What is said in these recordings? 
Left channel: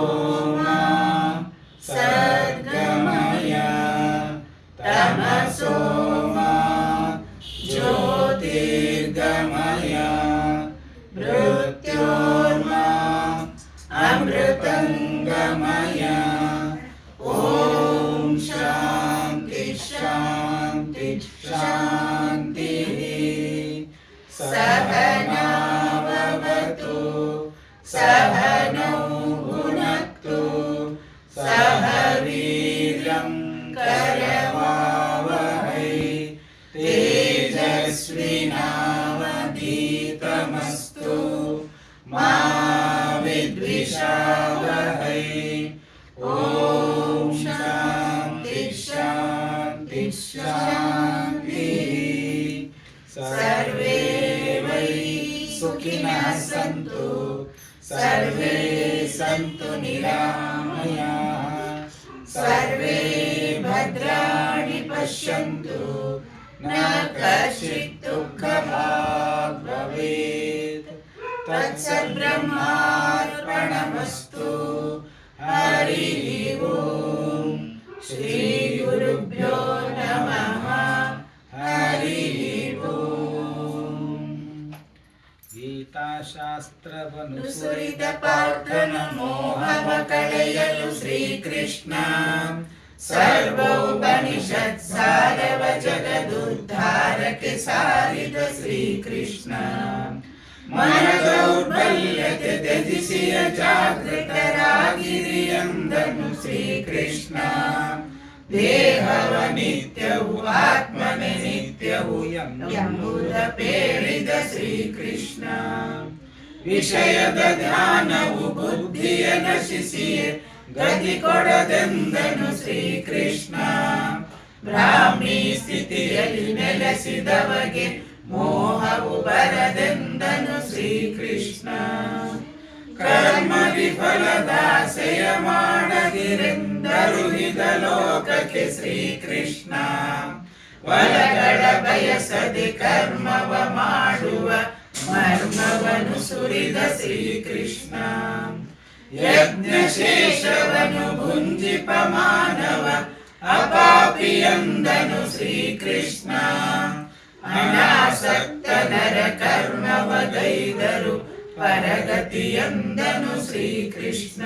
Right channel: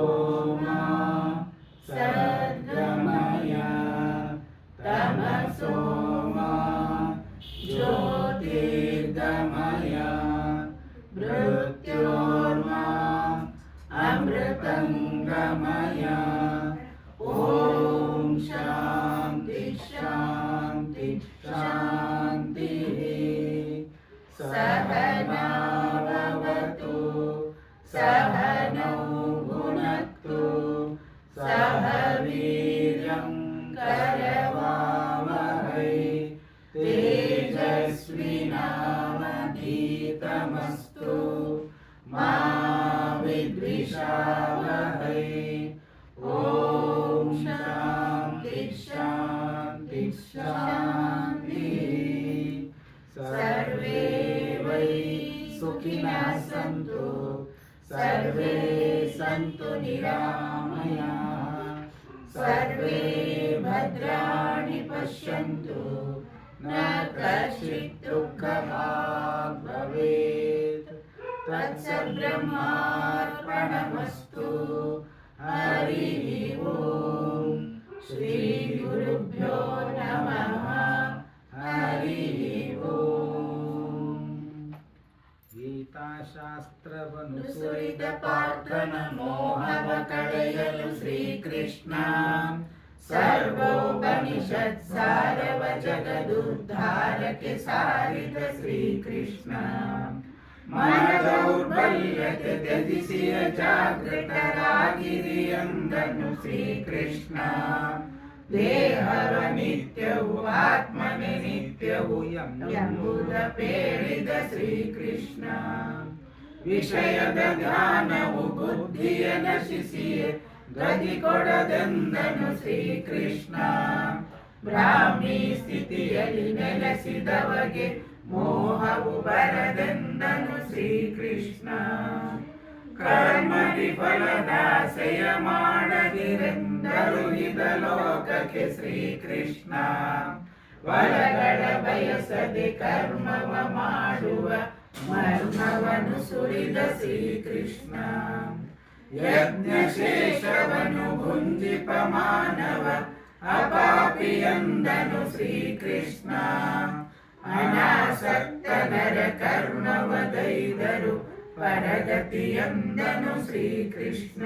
ಸೋಮ ಸದ್ಗಮಯ ತಮಸೋಮ ಜ್ಯೋತಿರ್ಗಮಯ ಮೃತ್ಯೋರ್ಮ ಅಮೃತಂಗಮಯ. ಓಂ ಶಾಂತಿ ಶಾಂತಿ ಶಾಂತಿ. ಸಹನಾವವತು ಸಹನೌ ಭುನಕ್ತು ಸಹ ವೀರ್ಯಂ ಕರವಾವಹೈ ತೇಜಸ್ವಿನಾವಧೀತಮಸ್ತು ಮಾ ವಿದ್ವಿಷಾವಹೈ. ಓಂ ಶಾಂತಿ ಶಾಂತಿ ಶಾಂತಿ. ಸರ್ವೇ ವೈ ಸುಖಿನಃ ಸಂತು ಸರ್ವೇ ಸಂತು ನಿರಾಮಯಾಃ ಸರ್ವೇ ಭದ್ರಾಣಿ ಪಶ್ಯಂತು ನ ಕಶ್ಚಿತ್ ದುಃಖಭಾಗ್ ಭವೇತ್. ತತ್ಸದ್ಬ್ರಹ್ಮಾರ್ಪಣಮಸ್ತು. ಹರಿ ಓಂ. ಶ್ರೀ ಗುರುಭ್ಯೋ ನಮಃ. ಹರಿ ಓಂ. ಗೀತಾಶಾಸ್ತ್ರವನ್ನು ಸುರಿದ ಪಾರ್ಥನ ಮೋಹವ ಕಳೆಯಲು ಶ್ರೀಕೃಷ್ಣ ಸರ್ವೋಪನಿಷತ್ ಸಾರವ ಜಗದುದ್ಧಾರಕ್ಕೆ ಸಾರಿದ ಶ್ರೀಕೃಷ್ಣ. ಮನ ದೌರ್ಬಲ್ಯತೆ ತ್ಯಜಿಸಿಯ ಜಾಗೃತರಾಗಿರಿ ಎಂದನು ಶ್ರೀಕೃಷ್ಣ. ದೇಹವ ನಿತ್ಯವು ಆತ್ಮನೆ ನಿತ್ಯವು ಎಂಬುದ ಪೇಳಿದ ಶ್ರೀಕೃಷ್ಣ. ವಿಷಯದ ಧ್ಯಾನವು ಬುದ್ಧಿಯ ನಶಿಸಿಯೇ ಗತಿ ಕೊಡದೆಂದನು ಶ್ರೀಕೃಷ್ಣ. ಬ್ರಾಹ್ಮಿ ಸ್ಥಿತಿಯಲ್ಲಿ ನೆಲೆಸಿದವಗೆ ಮೋಹವು ಬರದೆಂದನು ಶ್ರೀಕೃಷ್ಣ. ಕರ್ಮ ವಿಫಲದಾಸೆಯ ಮಾಡದಿರೆಂದರು ಇದ ಲೋಕಕ್ಕೆ ಶ್ರೀಕೃಷ್ಣ. ಫಲಗಳ ಬಯಸದೆ ಕರ್ಮವ ಮಾಡುವ ಮರ್ಮವನು ಸುರಿದ ಶ್ರೀಕೃಷ್ಣ. ಯಜ್ಞಶೇಷವನು ಭುಂಜಿಪ ಮಾನವ ಅಪಾಪಿ ಎಂದನು ಶ್ರೀಕೃಷ್ಣ. ಅನಾಸಕ್ತ ನರ ಕರ್ಮವ ಗೈದರು ಪರಗತಿ ಎಂದನು ಶ್ರೀಕೃಷ್ಣ.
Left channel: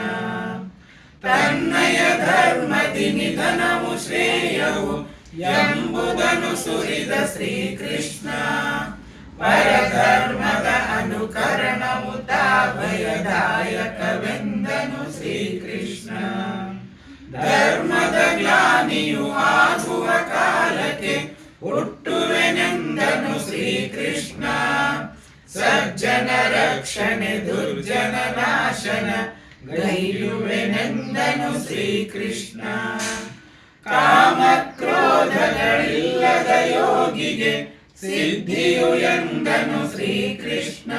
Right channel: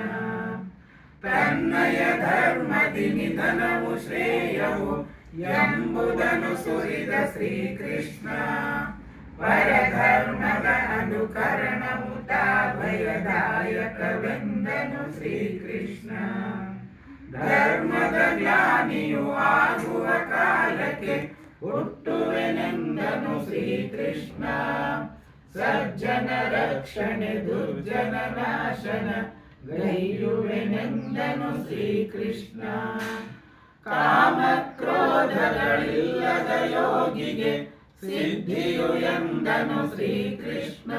ತನ್ನಯ ಧರ್ಮದಿ ನಿಧನವು ಶ್ರೇಯವು ಎಂಬುದನು ಸುರಿದ ಶ್ರೀಕೃಷ್ಣ. ಪರಧರ್ಮದ ಅನುಕರಣವು ಭಯದಾಯಕವೆಂದನು ಶ್ರೀಕೃಷ್ಣ. ಧರ್ಮದ ಜ್ಞಾನಿಯು ಆಗುವ ಕಾಲಕ್ಕೆ ಹುಟ್ಟುವೆನೆಂದನು ಶ್ರೀಕೃಷ್ಣ. ಸಜ್ಜನ ರಕ್ಷಣೆ ದುರ್ಜನ ನಾಶನ ಗೈಯುವೆನೆಂದನು ಶ್ರೀಕೃಷ್ಣ. ಕಾಮಕ್ರೋಧಗಳಿಲ್ಲದ ಯೋಗಿಗೆ ಸಿದ್ಧಿಯು ಎಂದನು ಶ್ರೀಕೃಷ್ಣ.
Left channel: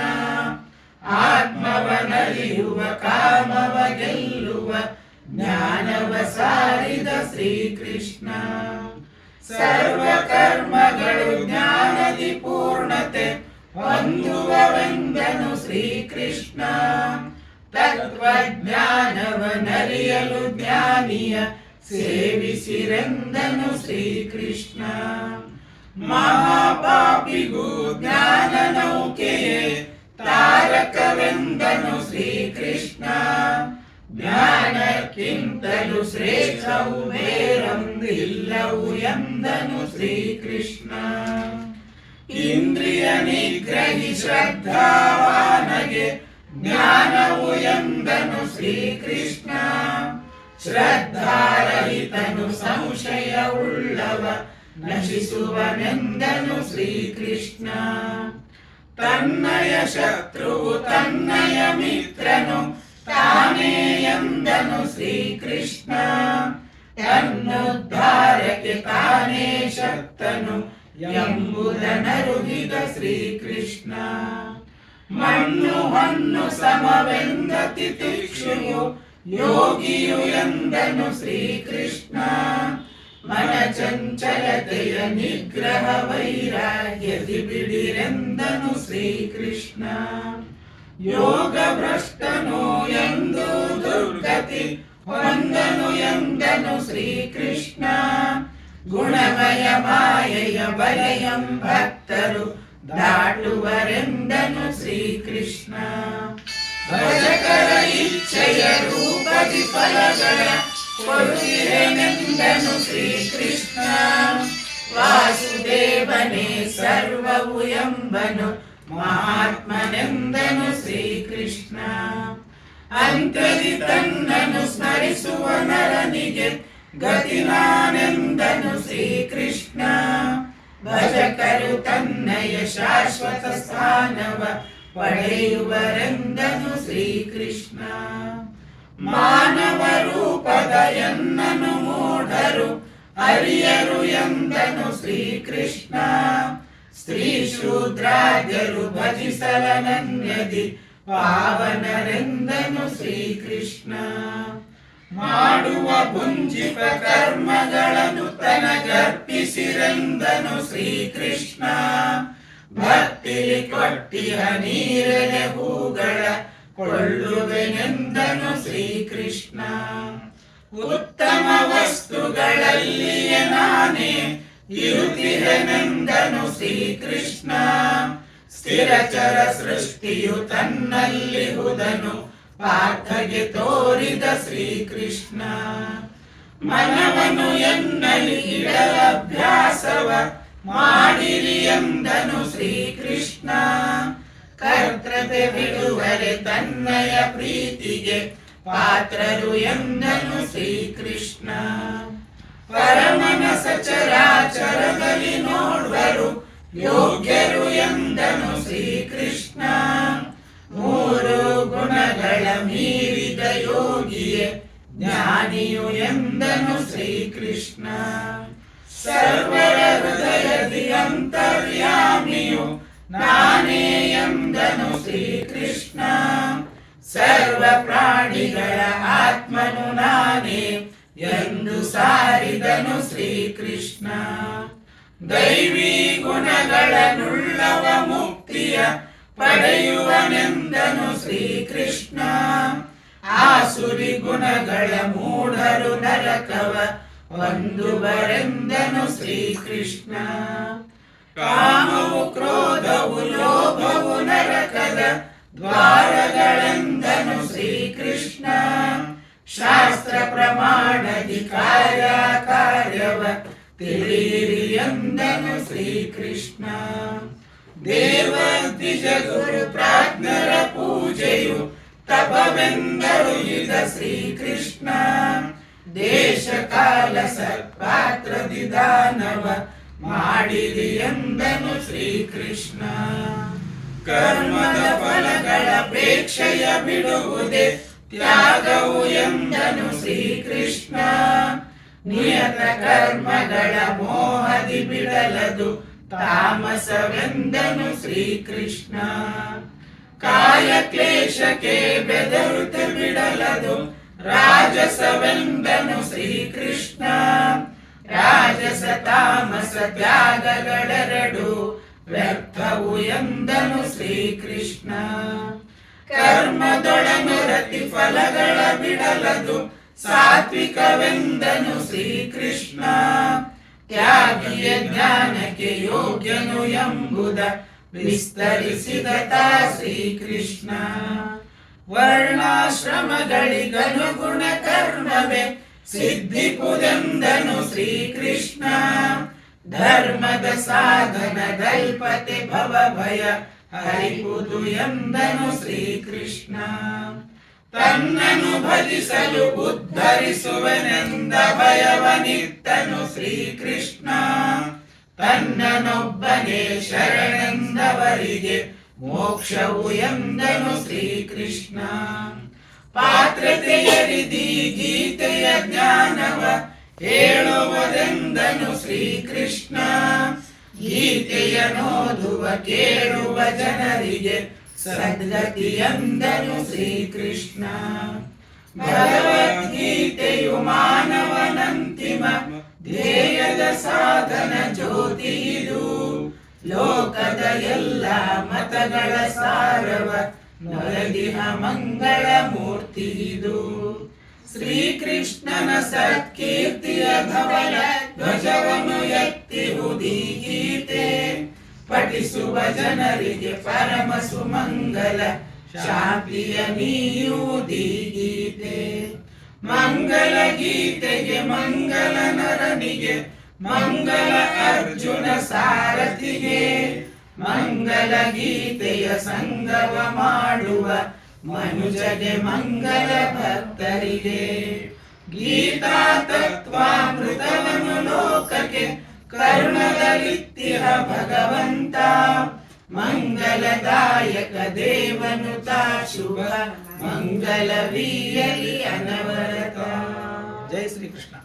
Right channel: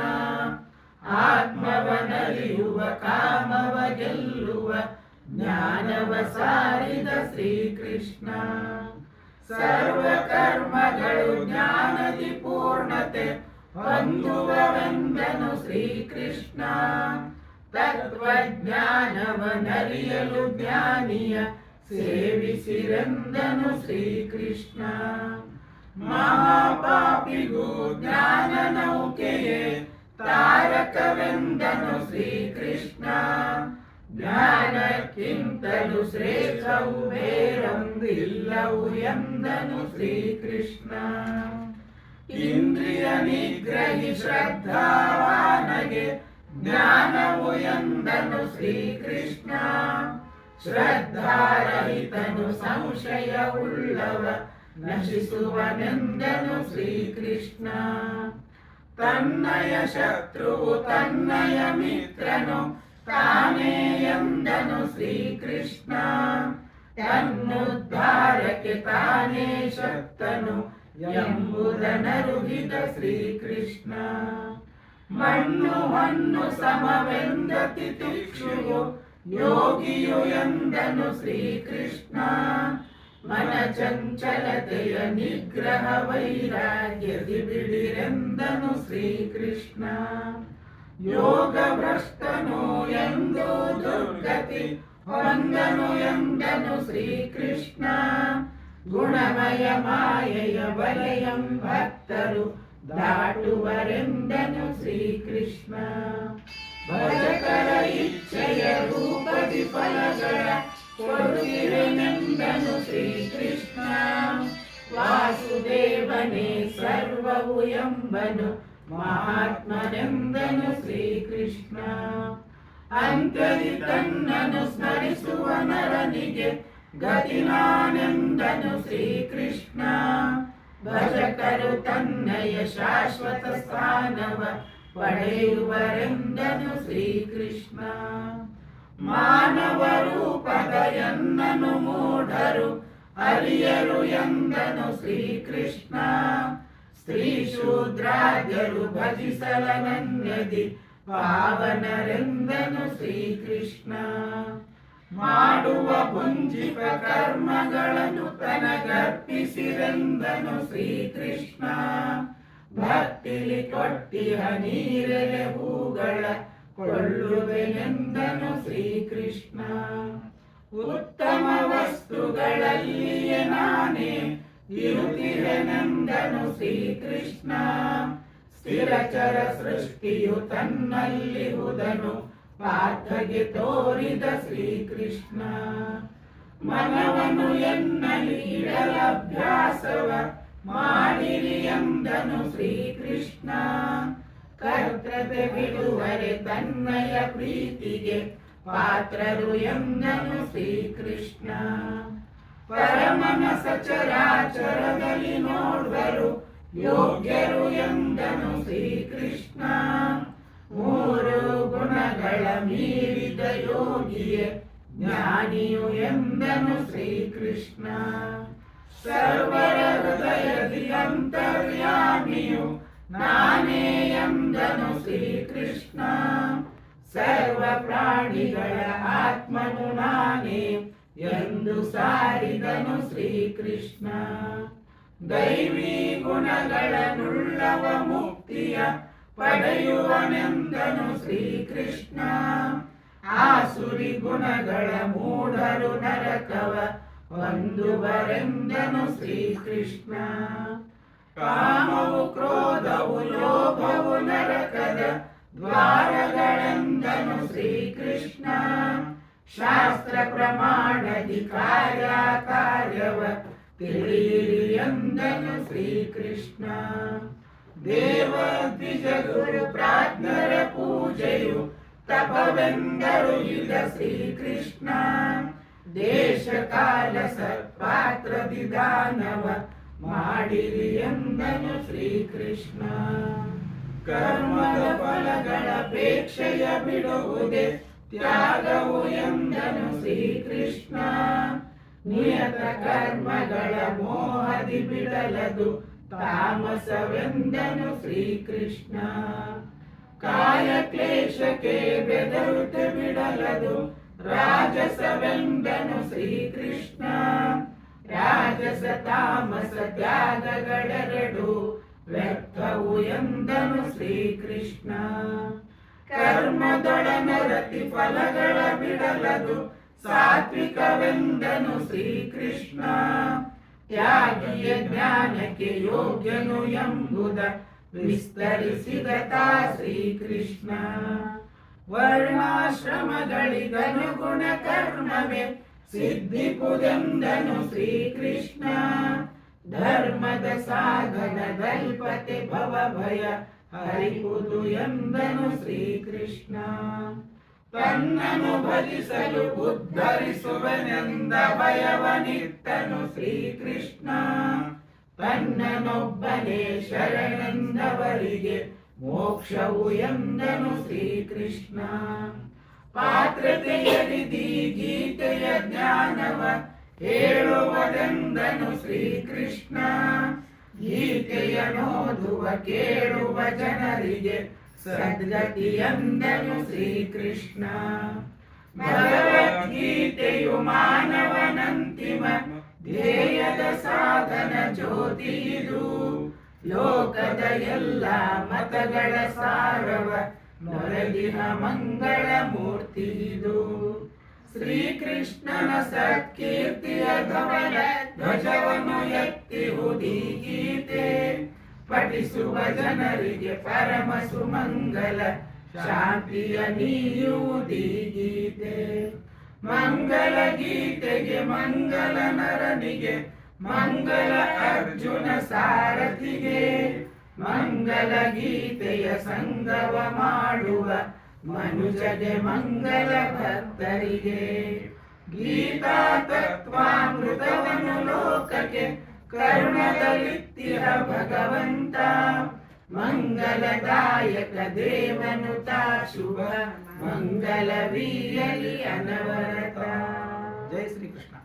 ಆತ್ಮವನಲಿಯುವ ಕಾಮವ ಗೆಲ್ಲುವ ಜ್ಞಾನವ ಸಾರಿದ ಶ್ರೀಕೃಷ್ಣ. ಸರ್ವ ಕರ್ಮಗಳು ಜ್ಞಾನದಿ ಪೂರ್ಣತೆ ಹೊಂದುವವೆಂದನು ಶ್ರೀಕೃಷ್ಣ. ತತ್ವಜ್ಞಾನವನರಿಯಲು ಜ್ಞಾನಿಯ ಸೇವಿಸಿರೆಂದನು ಶ್ರೀಕೃಷ್ಣ. ಮಹಾಪಾಪಿಗೂ ಜ್ಞಾನ ನೌಕೆಯೇ ತಾರಕವೆಂದನು ಶ್ರೀಕೃಷ್ಣ. ಜ್ಞಾನಕ್ಕಿಂತಲೂ ಶ್ರೇಷ್ಠವು ಬೇರೊಂದಿಲ್ಲವು ಎಂದನು ಶ್ರೀಕೃಷ್ಣ. ಇಂದ್ರಿಯ ನಿಗ್ರಹಿ ಶ್ರದ್ಧಾವಾನಗೆ ಜ್ಞಾನವು ಎಂದನು ಶ್ರೀಕೃಷ್ಣ. ಶ್ರದ್ಧಾರಹಿತನು ಸಂಶಯವುಳ್ಳವ ನಶಿಸುವನೆಂದನು ಶ್ರೀಕೃಷ್ಣ. ತನ್ನಯ ಶತ್ರುವು ತನ್ನಯ ಮಿತ್ರನು ತಾನೇ ಎಂದನು ಶ್ರೀಕೃಷ್ಣ. ತನ್ನುದ್ಧಾರಕ್ಕೆ ತಾನೇ ಶಕ್ತನು ಎಂಬುದನರುಗಿದ ಶ್ರೀಕೃಷ್ಣ. ಮಣ್ಣು ಹೊನ್ನು ಸಮವೆಂದ ತಿತಿಕ್ಷುವು ಯೋಗಿಯು ಎಂದನು ಶ್ರೀಕೃಷ್ಣ. ಮನ ಚಂಚಲತೆಯ ನಿಗ್ರಹ ವೈರಾಗ್ಯದಿ ಬಿಡಿರೆಂದನು ಶ್ರೀಕೃಷ್ಣ. ಯೋಗ ಭ್ರಷ್ಟನು ಎಂದು ದುರ್ಗ ಗತಿ ಹೊಂದನು ಎಂದನು ಶ್ರೀಕೃಷ್ಣ. ಗುಣಮಯ ಮಾಯೆಯ ಬಲೆಯಂ ಭಕ್ತರು ದಾಟುವರೆಂದನು ಶ್ರೀಕೃಷ್ಣ. ಭಜಕರ ಇಚ್ಛೆಯ ರೂಪದಿ ಫಲಗಳ ಕೊಡುವಿರೆನೆಂದನು ಶ್ರೀಕೃಷ್ಣ. ವಾಸುದೇವನೇ ಸರ್ವವು ಎಂಬನು ಮಹಾತ್ಮನೆಂದನು ಶ್ರೀಕೃಷ್ಣ. ಅಂತ್ಯದಿ ತನ್ನನು ಸ್ಮರಿಸುವ ನರನಿಗೆ ಗತಿ ನಾನೆಂದನು ಶ್ರೀಕೃಷ್ಣ. ಭಜಕರು ತನ್ನಯ ಶಾಶ್ವತ ಸ್ಥಾನವ ಪಡೆಯುವರೆಂದನು ಶ್ರೀಕೃಷ್ಣ. ಮಾನವ ರೂಪದ ಎನ್ನನು ಮೂಢರು ಅರಿಯರು ಎಂದನು ಶ್ರೀಕೃಷ್ಣ. ಸ್ತ್ರೀ ಶೂದ್ರಾದ್ಯರು ಭಜಿಸಲನನ್ಯದಿ ಪಾವನರೆಂದನು ಶ್ರೀಕೃಷ್ಣ. ಮಾಡುವ ಭುಂಜಿಪ ಕರ್ಮಗಳನ್ನು ತನಗರ್ಪಿಸಿರೆಂದನು ಶ್ರೀಕೃಷ್ಣ. ಭಕ್ತಿಲಿ ಕೊಟ್ಟಿಹ ನೀರೆಲೆ ಹೂಗಳ ಕೊಳ್ಳುವೆನೆಂದನು ಶ್ರೀಕೃಷ್ಣ. ಉತ್ತಮ ವಸ್ತುಗಳಲ್ಲಿಯೇ ನಾನೇ ಇರುತ್ತಿರೆನೆಂದನು ಶ್ರೀಕೃಷ್ಣ. ಸ್ಥಿರಚರ ಸೃಷ್ಟಿಯು ತನ್ನಲ್ಲಿಹುದನು ಪಾರ್ಥಗೆ ತೋರಿದ ಶ್ರೀಕೃಷ್ಣ. ಮನವನು ಎನ್ನಲಿ ಇಡಲಭ್ಯಾಸವ ಮಾಡಿರಿ ಎಂದನು ಶ್ರೀಕೃಷ್ಣ. ಕರ್ತೃತೆ ಬಿಡುವರೆ ತನ್ನಯ ಪ್ರೀತಿಗೆ ಪಾತ್ರರು ಎಂದನು ಶ್ರೀಕೃಷ್ಣ. ಪರಮನ ಸಚರಾಚರದಲ್ಲಿ ನೋಡುವರು ಯೋಗ್ಯರು ಎಂದನು ಶ್ರೀಕೃಷ್ಣ. ಮೂರು ಗುಣಗಳ ಮೀರಿದ ಯೋಗಿಯೇ ಜ್ಞಾನಿಯು ಎಂದನು ಶ್ರೀಕೃಷ್ಣ. ಸರ್ವರ ಹೃದಯದಿ ಅಂತರ್ಯಾಮಿಯು ನಾನೇ ಎಂದನು ಶ್ರೀಕೃಷ್ಣ. ಸರ್ವ ಪ್ರಾಣಿಗಳ ಆತ್ಮನು ನಾನೇ ಎಂದು ಸಾರಿದನು ಶ್ರೀಕೃಷ್ಣ. ದೈವಿ ಗುಣಗಳನ್ನುಳ್ಳವ ಮುಕ್ತಿಯ ಪಡೆಯುವನೆಂದನು ಶ್ರೀಕೃಷ್ಣ. ಆಸುರಿ ಗುಣಗಳ ಮೂಢರು ನರಕವ ಹೊಂದುವರೆಂದನು ಶ್ರೀಕೃಷ್ಣ. ಕಾಮವು ಕ್ರೋಧವು ಲೋಭವು ನರಕದ ದ್ವಾರಗಳೆಂದನು ಶ್ರೀಕೃಷ್ಣ. ಶಾಸ್ತ್ರ ಪ್ರಮಾಣದಿ ಕಾರ್ಯವ ತಿಳಿಯಿರಿ ಎಂದನು ಶ್ರೀಕೃಷ್ಣ. ದೇವದ್ವಿಜ ಗುರು ಪ್ರಾಜ್ಞರ ಪೂಜೆಯು ತಪವೆಂದರು ಇದ ಶ್ರೀಕೃಷ್ಣ. ದೇಶ ಕಾಲ ಸತ್ಪಾತ್ರದಿ ದಾನವ ಮಾಡಿರಿ ಎಂದನು ಶ್ರೀಕೃಷ್ಣ. ಕರ್ಮದ ಫಲಗಳ ಅಪೇಕ್ಷೆಯ ಬಿಡುವುದೇ ತ್ಯಾಗವು ಎಂದನು ಶ್ರೀಕೃಷ್ಣ. ನಿಯತ ಕರ್ಮಗಳ ಮೋಹದಿ ಬಿಡಲದು ತಾಮಸವೆಂದನು ಶ್ರೀಕೃಷ್ಣ. ಕಾಯ ಕ್ಲೇಶಕ್ಕೆ ಬೆದರುತ್ತ ಬಿಡಲದು ರಾಜಸವೆಂದನು ಶ್ರೀಕೃಷ್ಣ. ರಾಜಸ ತಾಮಸ ತ್ಯಾಗಗಳೆರಡು ವ್ಯರ್ಥವು ಎಂದನು ಶ್ರೀಕೃಷ್ಣ. ಕರ್ಮದೊಳನೊರತಿ ಫಲಗಳ ಬಿಡಲದು ಸಾತ್ವಿಕವೆಂದನು ಶ್ರೀಕೃಷ್ಣ. ತ್ಯಾಗಿಯ ಜ್ಞಾನಕ್ಕೆ ಯೋಗ್ಯನು ಎಂಬುದ ವಿಸ್ತರಿಸಿದ ತಾ ಶ್ರೀಕೃಷ್ಣ. ವರ್ಣಾಶ್ರಮಗಳಿಗನುಗುಣ ಕರ್ಮವೇ ಸಿದ್ಧಿಪುದೆಂದನು ಶ್ರೀಕೃಷ್ಣ. ಧರ್ಮದ ಸಾಧನದಲ್ಪತೆ ಭವ ಭಯ ಹರಿಪುದು ಎಂದನು ಶ್ರೀಕೃಷ್ಣ. ತನ್ನನು ಭಜಿಸಲು ಉದ್ಧರಿಸುವನೆಂದ ಭಯವನಿತ್ತನು ಶ್ರೀಕೃಷ್ಣ. ತನ್ನನೊಬ್ಬನೇ ಶರಣೆಂದವರಿಗೆ ಮೋಕ್ಷವು ಎಂದನು ಶ್ರೀಕೃಷ್ಣ. ಪಾತ್ರತೆಯರಿದಿ ಗೀತೆಯ ಜ್ಞಾನವ ಹೇಳುವುದೆಂದನು ಶ್ರೀಕೃಷ್ಣ. ಗೀತೆಯನೋದುವ ಕೇಳುವ ಜನರಿಗೆ ಸದ್ಗತಿ ಎಂದನು ಶ್ರೀಕೃಷ್ಣ. ಭಗವದ್ಗೀತೆಯು ಮಾನವನಂತಿಮ ಧ್ಯೇಯದ ಸಾಧನ ಜ್ಯೋತಿ ಇದು. ಲೋಕದ ಎಲ್ಲ ಮತಗಳ ಸಾರವ ನೊರದಿಹ ಮಂಗಳ ಮೂರ್ತಿ ಇದು. ಶ್ರೀಕೃಷ್ಣನ ಸತ್ಕೀರ್ತಿಯ ಧವಲ ಧ್ವಜವನ್ನು ಎತ್ತಿರುವುದೀ ಗೀತೆ. ಪಠಿಸುವ ಜನರಿಗೆ ಪರಮ ಸುಮಂಗಲ ಶಾಂತಿಯ ನೀಯುವುದೀ ಗೀತೆ. ಮಂಗಲ ಗೀತೆಗೆ ಮಂಗಲ ನರನಿಗೆ ಮಂಗಲ ಅರ್ಜುನ ಸಾರಥಿಗೆ. ಮಂಗಲ ಗೀತೆಯ ಸಂಗವ ಮಾಡುವ ಮನುಜಗೆ ಮಂಗಲ ಭಕ್ತರಿಗೆ. ಗೀತಾ ತತ್ವಾಮೃತವನು ಲೋಕಕ್ಕೆ ಕರುಣದಲ್ಲಿತ್ತಿಹ ಭಗವಂತ. ಮಂಗಲದಾಯಕ ದೇವನು ತಾ ಶುಭ ಮಂಗಲವೀಯಲಿ ಅನವರತ. ಜೈ ಶ್ರೀಕೃಷ್ಣ.